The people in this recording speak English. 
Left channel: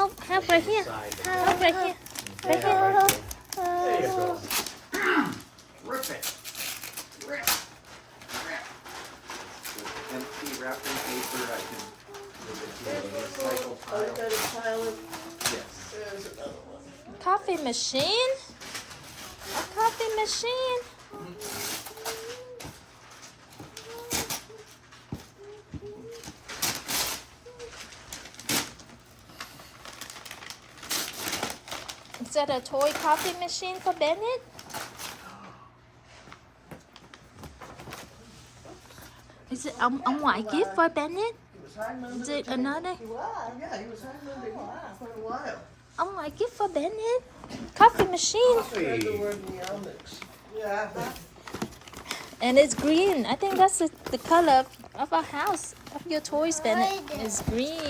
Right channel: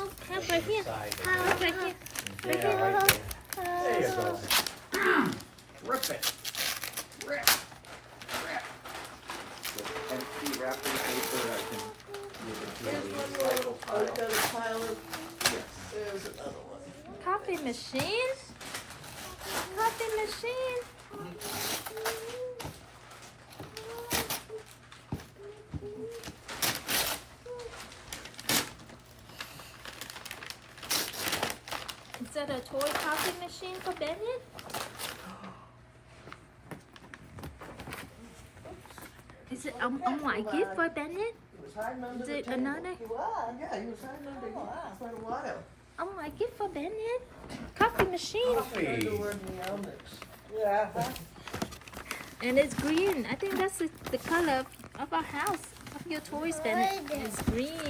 help right here. Help right here. Right here. There you go. Rip it. Rip. Rip. With empty wrapping paper, I can move it to the recycle pile. Yes. Coffee machine? A coffee machine? Is that a toy coffee machine for Bennett? Is it a ngoại gift for Bennett? Is it another? Yeah, he was hiding under here for a while. A ngoại gift for Bennett? Coffee machine. Coffee. Yeah. And it's green. I think that's the color of our house, of your toys, Bennett. It's green.